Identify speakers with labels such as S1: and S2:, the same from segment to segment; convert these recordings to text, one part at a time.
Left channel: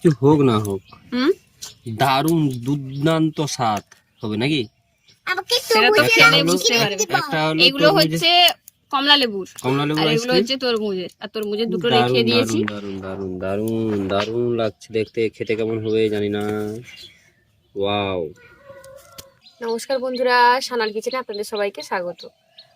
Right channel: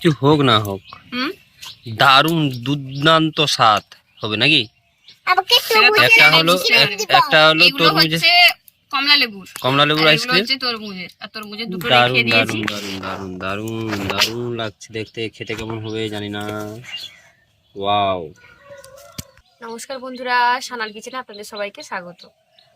S1: কিছু হোক না হোক
S2: হুম?
S1: দারুণ দুর্দান্ত স্বাদ হবে নাকি? একটা হলো। একটা হলো তরমুজের
S2: কমলা লেবুর।
S1: কমলা লেবুর আইসক্রিম
S2: হচ্ছে তরমুজের। আর তরমুজের দুটো রেখে দিয়েছি
S1: দারুণ দারুণ দারুণ দারুণ দারুণ লাগছে দেখতে। খেতে কেমন হবে জানি না। ওয়াও।
S2: নমস্কার বন্ধুরা সানাল কিচেনে আপনাদের সবাইকে স্বাগত।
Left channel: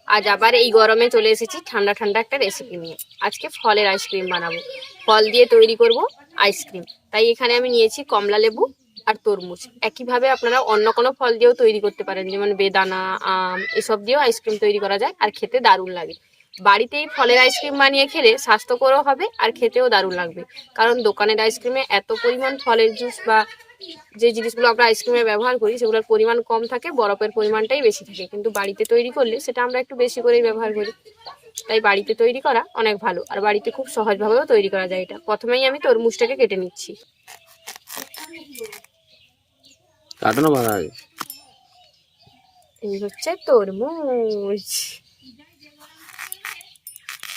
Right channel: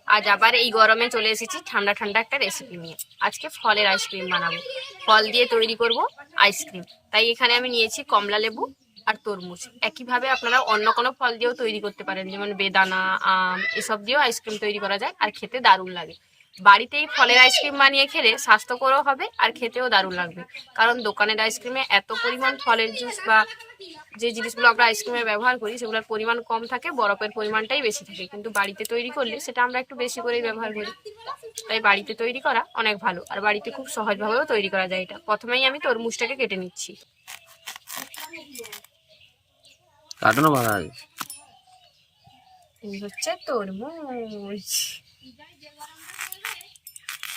S2: আজ আবার এই গরমে চলে এসেছি ঠান্ডা ঠান্ডা একটা রেসিপি নিয়ে। আজকে ফলের আইসক্রিম বানাবো। ফল দিয়ে তৈরি করব। আইসক্রিম। তাই এখানে আমি নিয়েছি কমলা লেবু আর তরমুজ। একইভাবে আপনারা অন্য কোনো ফল দিয়েও তৈরি করতে পারেন, যেমন বেদানা, আম, এসব দিয়েও আইসক্রিম তৈরি করা যায় আর খেতে দারুণ লাগে। বাড়িতেই ফলের আইসক্রিম বানিয়ে খেলে স্বাস্থ্যকরও হবে আর খেতেও দারুণ লাগবে। কারণ দোকানের আইসক্রিমে এত পরিমাণ ফলের জুস বা যে জিনিসগুলো আমরা আইসক্রিমে ব্যবহার করি সেগুলোর পরিমাণ কম থাকে বরফের পরিমাণটাই বেশি থাকে। কিন্তু বাড়িতে তৈরি করলে সেটা আমরা একটু বেশি করেই ব্যবহার করি। তাই বাড়িতে তৈরি করা অনেক ভালো আর বাড়িতে খুব সহজভাবেও তৈরি করা যায় এটা। প্রথমেই আমি তরমুজটাকে কেটে নিচ্ছি।
S1: কাটানো বাধা
S2: এই হচ্ছে তরমুজ।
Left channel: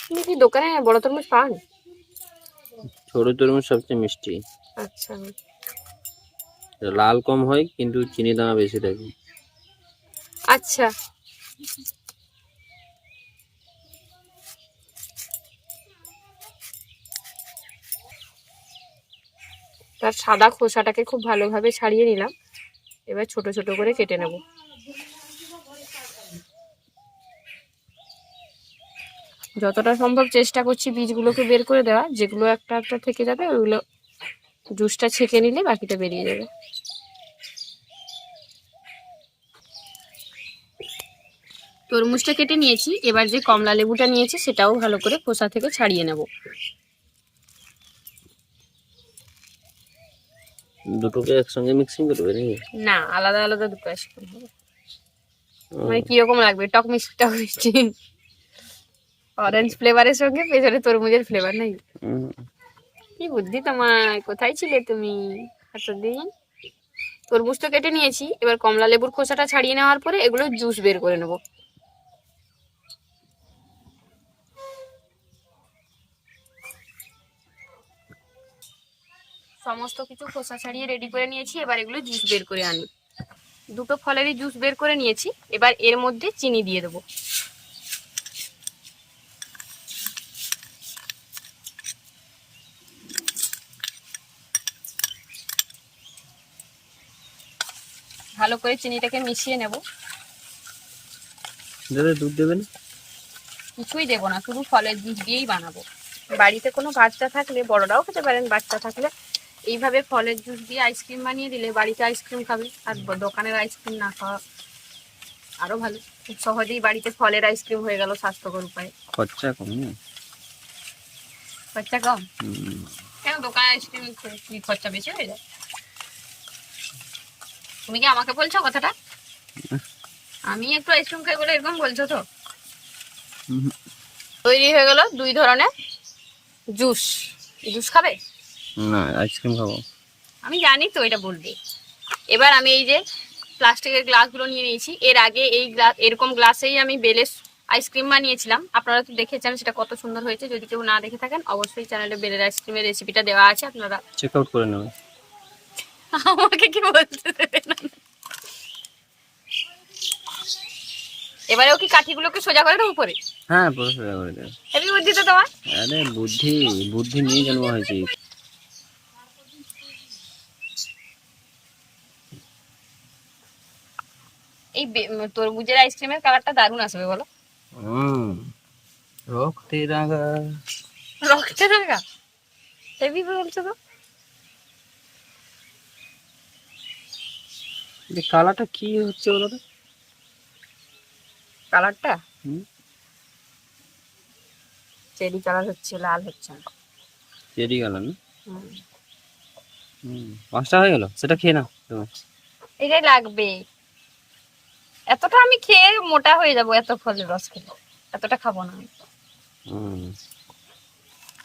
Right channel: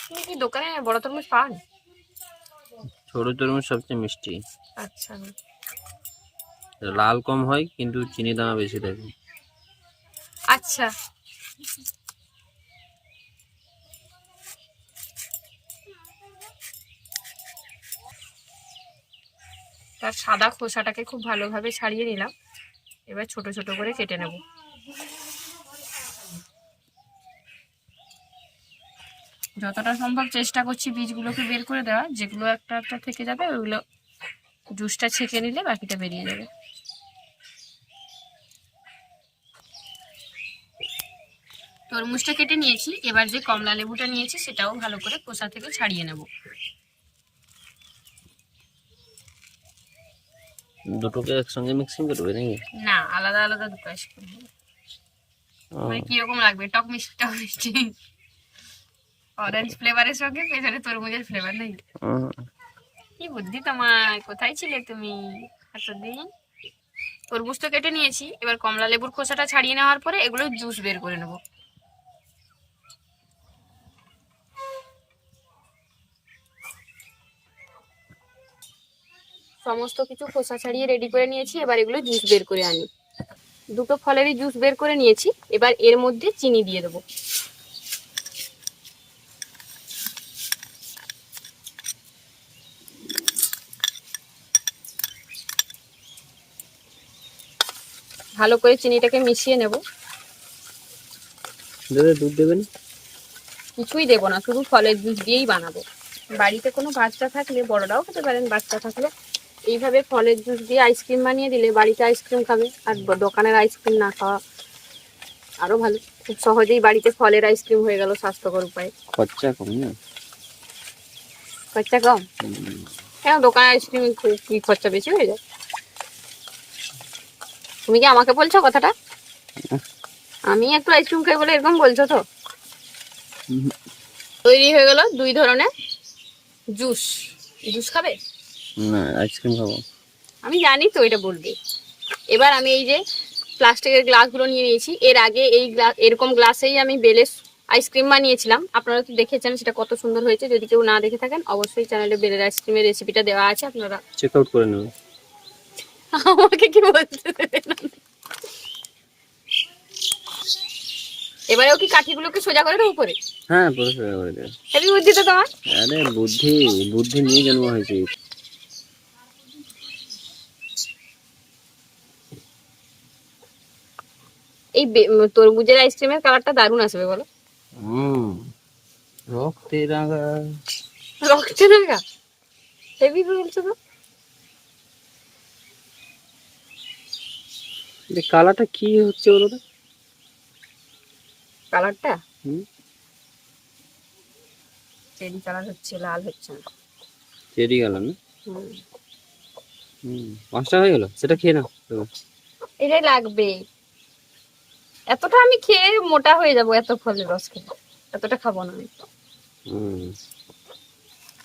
S2: আপনি কি দোকানে বড় তরমুজ পান?
S1: ছোট তরমুজ সবচেয়ে মিষ্টি।
S2: আচ্ছা।
S1: লাল কম হয়, কিন্তু চিনি দানা বেশি থাকে।
S2: আচ্ছা। তার সাদা খোসাটাকে খুব ভালোভাবে ছাড়িয়ে নিলাম। এবার ছোট ছোট করে কেটে নেব। যতটা সম্ভব চেষ্টা করছি বীজগুলোকে বের করে দেওয়া যেগুলো একটা একটা থেকে যাবে, ওইগুলো জুসটা ছেঁকে নিলে বাকিটা বেরিয়ে যাবে। তরমুজটা কেটে নিয়েছি এবার যে কমলা লেবুটা নিয়েছি সেটাও ভালো করে খোসা থেকে ছাড়িয়ে নেব।
S1: দুটোকে একসঙ্গে মিক্সিং করবে নাকি?
S2: না আলাদা আলাদা দুটো
S1: ও,
S2: মানে কীরকম লাগবে? টক মিষ্টি। টক মিষ্টি অরেঞ্জ ফ্লেভারের সঙ্গে পেছনে তরমুজের ফ্লেভার নাই। কি বুদ্ধি তোমার? কোথায় ছিলে তুমি এতদিন? তরমুজ তো কেটে নিয়েছি। এবার কমলা লেবুর খোসাটা ছাড়িয়ে নেওয়ার পরে এগুলো জুস বের করে নেব। সমস্ত কিছু খোসা ছাড়িয়ে রেডি করে নিয়েছি। এবার এগুলো জুস বের করে আনি। দুটো ফলেরই জুস বের করে নিয়েছি। এবার এর মধ্যে চিনি দিয়ে দেবো। ভালো করে চিনিটাকে মিশিয়ে নেব।
S1: দাদা দুধ দেবেন?
S2: কিছুই দেবো না শুধু ফলের জুস দিয়েই বানাবো। বাড়িতে কোনো বাচ্চা থাকলে বড়রাও খেতে পারেন বাচ্চা থাকলে এইভাবে ফলের জুস দিয়ে আইসক্রিম বানিয়ে দিলে বাড়িতে আইসক্রিম খাবে আর দোকানের আইসক্রিম না খাওয়া আরও ভালো। খুব সহজেই বাড়িতে ফলের আইসক্রিম হয়ে গেল স্বাস্থ্যকর উপায়ে।
S1: খরচা কম না?
S2: খরচা কম। কেন দোকানের আইসক্রিম কি খরচা বেশি হয়ে যায়? তুমি কি আমাকে বলছো কথাটা? আমি একটু আইসক্রিম খাই বলে এরকম বলছো তো? তৈরি হয়ে গেল দুই ধরনের জুস জুস খাবে?
S1: না আইসক্রিম খাব।
S2: আমি জানি তো এটা বলবে। এবার আমি এই যে প্লাস্টিকের গ্লাসগুলো নিয়ে নিয়েছি। এর আগে এই গ্লাস এরকম গ্লাসেই আমি বেলের আইসক্রিম বানিয়েছিলাম। আপনারা তো দেখেছেন সেটা কত সুন্দর হয়েছে। যদি কেউ না দেখে থাকেন অবশ্যই চ্যানেলে বেলের আইসক্রিমের রেসিপিটা দেওয়া আছে আপনারা
S1: চেক আউট করে নেবে
S2: আমাকে কি বলতে দেবে না। এবারেও কি কাঠিগুলোকে সোজা করে দেবো উপরে?
S1: হ্যাঁ পুরো সোজা করে দেবে।
S2: হেভি বুদ্ধি তো তোমার।
S1: আরে বুদ্ধি বুদ্ধি নিয়ে জন্ম হয়েছে।
S2: এই তরমুজের আইসক্রিমের কালারটা দারুণ আসবে বলো।
S1: হুম রক্তে রাঙা
S2: রক্তে রাগা হেভি বলছো তো?
S1: কালারটা কি হচ্ছে বলো তো?
S2: কালারটা?
S1: হুম।
S2: চেরি কালার হচ্ছে লাল হচ্ছে না।
S1: চেরি কালার না?
S2: হুম।
S1: হুম পাঁচটা হয়ে গেল? সেটা খেয়ে নাও। তুমি।
S2: এটাই লাগবে। এতটা আমি খেয়ে মোটা হয়ে যাব এত ফলের রস খেলে। এতটা খাব না আমি।
S1: হুম।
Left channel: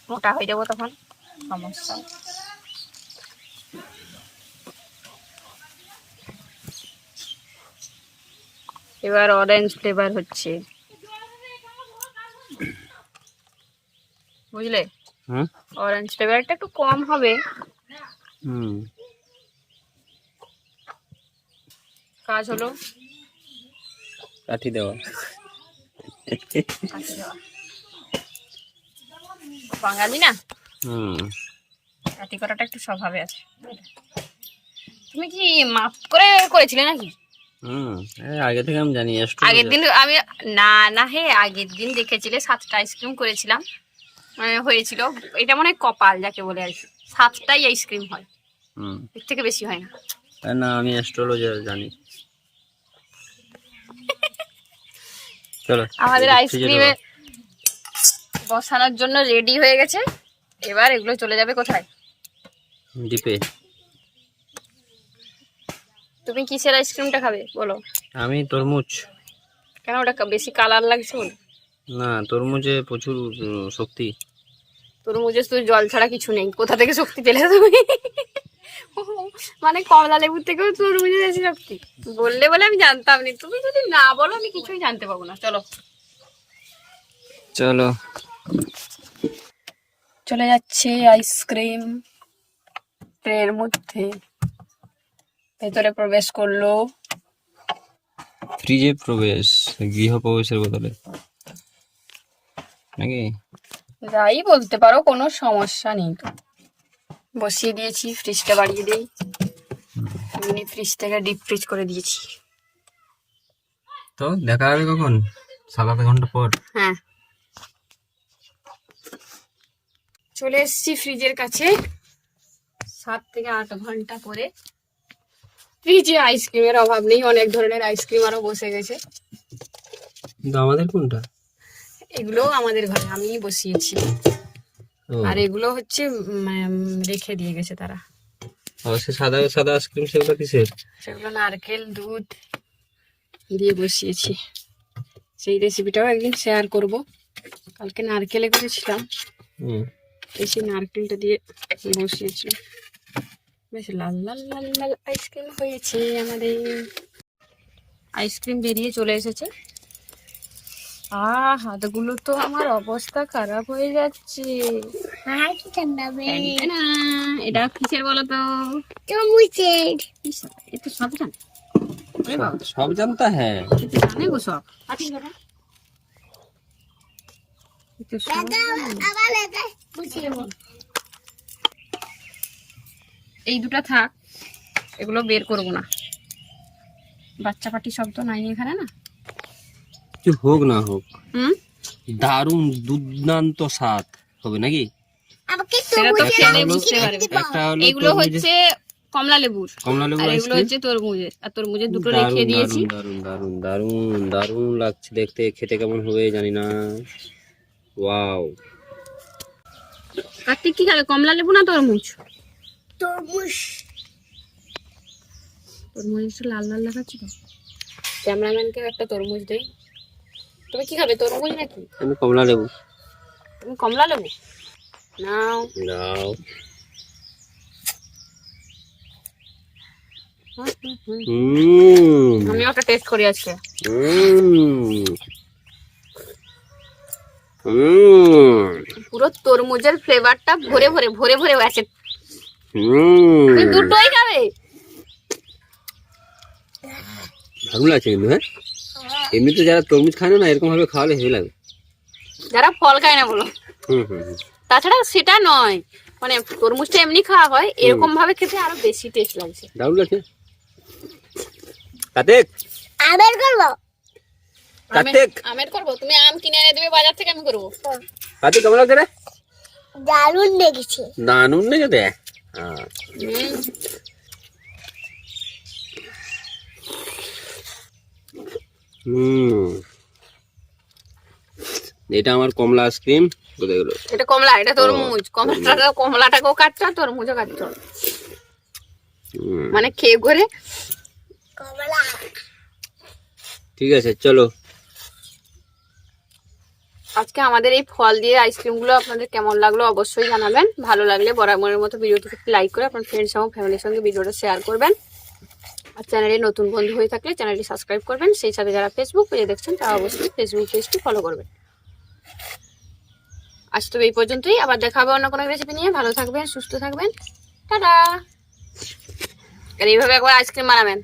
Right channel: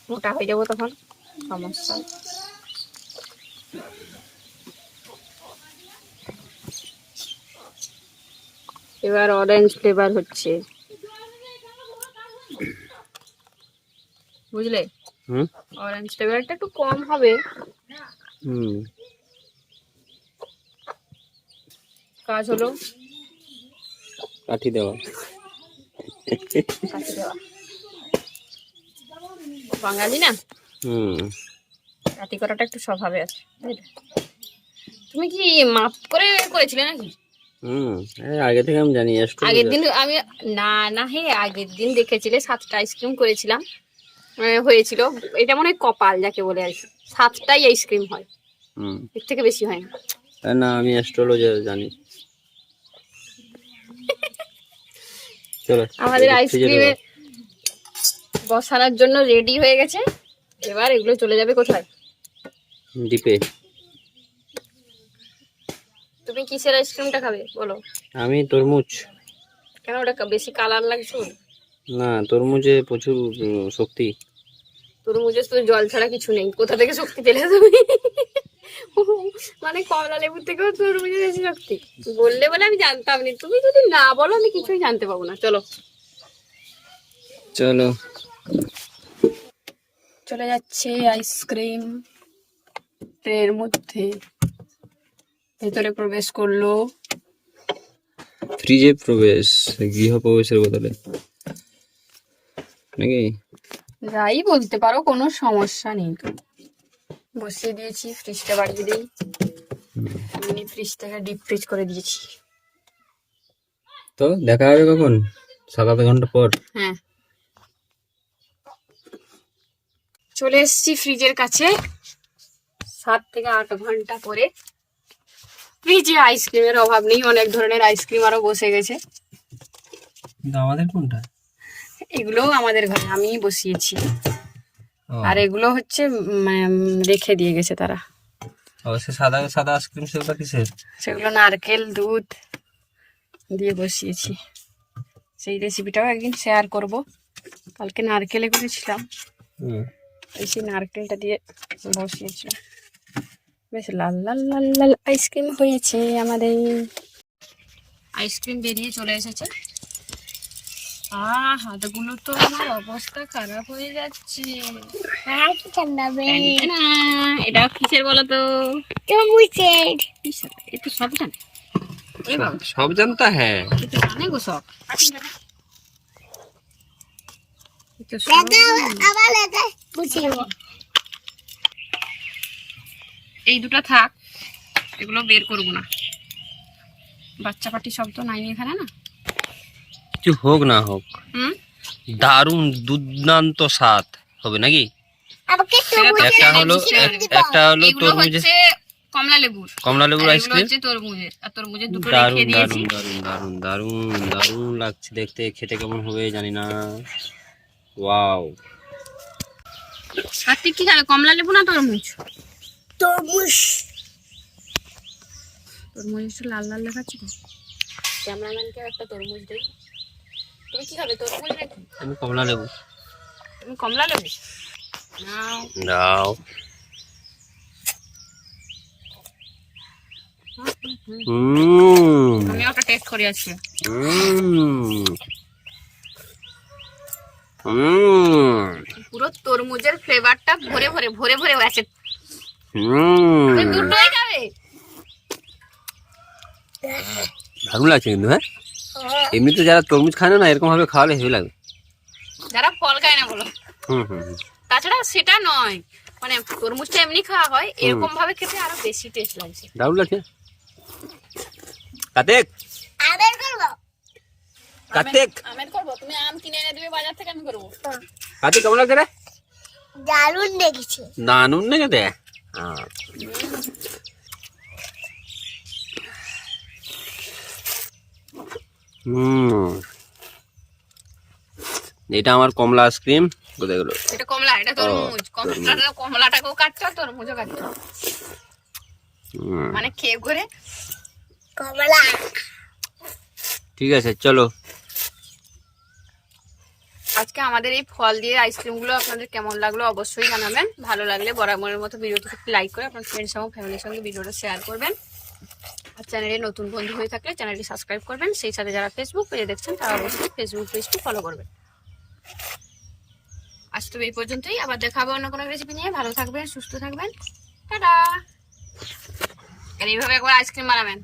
S2: মোটা হয়ে যাব তখন সমস্যা। এবার অরেঞ্জ ফ্লেভার হচ্ছে। বুঝলে?
S1: হুম?
S2: অরেঞ্জ ফ্লেভারটা একটু কম হবে।
S1: হুম।
S2: কাজ হলো।
S1: কাঠি দেওয়া।
S2: দেওয়া। বাঙালি না?
S1: হুম।
S2: কাটি করাটা একটু স্বভাবে আছে। তুমি কি মাপ করে করেছিলে নাকি?
S1: হুম আগে থেকে আমি জানি
S2: আগের দিন আমি না না হে আগের দিন দেখেছিলে সাতটা আইসক্রিম করেছিলাম। হয়েছিল এটা মনে হয় কপাল যাকে বলে আর কি। সাতটাই আইসক্রিম হয়।
S1: হুম।
S2: এর থেকে বেশি হয় না।
S1: না আমি অ্যাস্ট্রোলজার জানি। চলো
S2: আমাদের আইসক্রিমে বসানোর জন্য রেডি হয়ে গেছে। এবার এগুলো চলে যাবে কোথায়?
S1: ডিপে।
S2: তুমি কিসের আইসক্রিমটা খাবে? বলো।
S1: আমি তরমুজ।
S2: কেন? ওটা বেশি কালার লাগছে?
S1: না তরমুজে প্রচুর শক্তি।
S2: তরমুজে তো জল ছাড়া কিছু নেই। কোথা থেকে শক্তি পেলে তুমি? মানে কমলা লেবুর থেকেও তরমুজে বেশি শক্তি। বললে বলে আমি জানতাম না তুমি যদি না বলো আমি কিছুই জানতে পাবো না। চলো।
S1: চলো।
S2: চলে যাচ্ছে আইসক্রিম। ট্রের মধ্যে। ভেতরে প্রবেশ করল।
S1: ফ্রিজে প্রবেশ গৃহ প্রবেশের বদলে। নাকি?
S2: যাই বলতে পারো কোনো সমস্যা নেই। বসিয়ে দিয়েছি ফ্রিজটা বাড়িয়ে দিই। মিনি ফ্রিজটাকে ডিপ ফ্রিজ করে দিয়েছি।
S1: তো দেখা হবে কখন? সাত আট ঘণ্টা পর।
S2: হ্যাঁ। চলে এসেছি ফ্রিজের কাছে। সাত থেকে আট ঘণ্টা পরে। ফ্রিজে আইসক্রিমের অভাব নেই অনেক ধরনের আইসক্রিম আরও বসে গেছে।
S1: আমাদের কোনটা?
S2: এগুলোও আমাদের ঘরে আমিই বসিয়েছি। আর এগুলো হচ্ছে রেখে দিয়ে গেছে তারা।
S1: সে সাদা সাদা আইসক্রিম সেগুলো কিসের?
S2: সেগুলো নারকেল দুধ দিয়ে বসিয়েছি। সেই রেসিপিটাও একদিন শেয়ার করব। কালকে নারকেলে করেছিলাম।
S1: হুম।
S2: এই সেই নারকেলটা দিয়ে বসিয়েছিলাম। বেশ লাল লাল লাল লাল আইসক্রিম হয়েছে আমাদের। আইসক্রিম বেরিয়ে চলে এসেছে। আহ হাতগুলো তো আমার অবস্থা খারাপ হয়ে যাচ্ছে। এটা কিসের বলো তো একটু সব জানে।
S1: সব জানতা হ্যাঁ।
S2: জানে গো সব। জানে। এই দুটো থাক এগুলো বের করব না। বাচ্চা পাটি সব তো নাই এখানে না?
S1: কিছু হোক না হোক
S2: হুম?
S1: দারুণ দুর্দান্ত স্বাদ হবে নাকি? একটা হলো একটা হলো তরমুজের
S2: কমলা লেবুর।
S1: কমলা
S2: আর
S1: লেবুর আইসক্রিম
S2: হচ্ছে তরমুজের। আর তরমুজের দুটো রেখে দিয়েছি।
S1: দারুণ দারুণ দারুণ দারুণ লাগছে দেখতে। খেতে কেমন হবে জানি না। ওয়াও।
S2: কার্তিক কি খাবে? কমলা লেবু না তরমুজ?
S3: তরমুজ।
S2: তরমুজ একটু লাল লাল দেখাচ্ছে তো। ক্যামেরাম্যানকে একটা তরমুজ দেই। তুমি কি খাবে তরমুজ নাকি?
S1: আমি কমলা লেবু।
S2: তুমি কমলা লেবু? নাও। হুম। আমি ওটা টেস্ট করি আজকে। পুরো তরমুজের ফ্লেভারটা ভরে ভরে ভরে ভরে আছে দুটোই খাবে?
S1: দারুণ লাগছে কিন্তু হ্যাঁ? এমনিতে যারা তরমুজ খায় না এরকম ভাবে খাওয়ালে হেভি লাগবে
S2: যারা ফল খায় না বলো।
S1: হুম হুম হুম।
S2: তাছাড়া সেটা নয় মানে তরমুজটা এমনি খাওয়া হয় এরকম ভাবে খেতে আরও বেশি টেস্ট লাগছে।
S1: দারুণ লাগছে। কার্তিক!
S3: আবার করব।
S1: কার্তিক!
S2: আমের করব? তুমি আম কিনে এনে দেবে বাজার থেকে আমি করব।
S1: কার্তিক কেমন লাগছে রে?
S3: দারুণ দেখেছি
S1: দারুণ লেগেছে? হুম। এটা আমার কমলা আইসক্রিম কোথায় গেলো।
S2: এটা কমলা এটা তরমুজ কমলাটা কমলাটাকেও কাটছো তরমুজও কাটছো।
S1: হুম,
S2: মানে খেয়ে করে
S3: কমলা।
S1: ঠিক আছে চলো।
S2: আজকে আমাদের এই ফল দিয়ে আইসক্রিমগুলো আপনাদের কেমন লাগল অবশ্যই জানাবেন। ভালো লাগলে বরাবরের মতো ভিডিওটিকে লাইক করে আপনার ফ্রেন্ডস এবং ফ্যামিলির সঙ্গে ভিডিওটা শেয়ার করবেন। আর চ্যানেলে নতুন বন্ধু হয়ে থাকলে চ্যানেলটি সাবস্ক্রাইব করবেন। সেই সাথে যারা ফেসবুক পেজে দেখছেন, তারা অবশ্যই ফেসবুক পেজটি ফলো করবেন। আজ তো এই পর্যন্তই। আবার দেখা হবে অন্য কোনো রেসিপি নিয়ে। ভালো থাকবেন, সুস্থ থাকবেন। টাটা! আর এইভাবে একবার আইসক্রিম বানাবেন।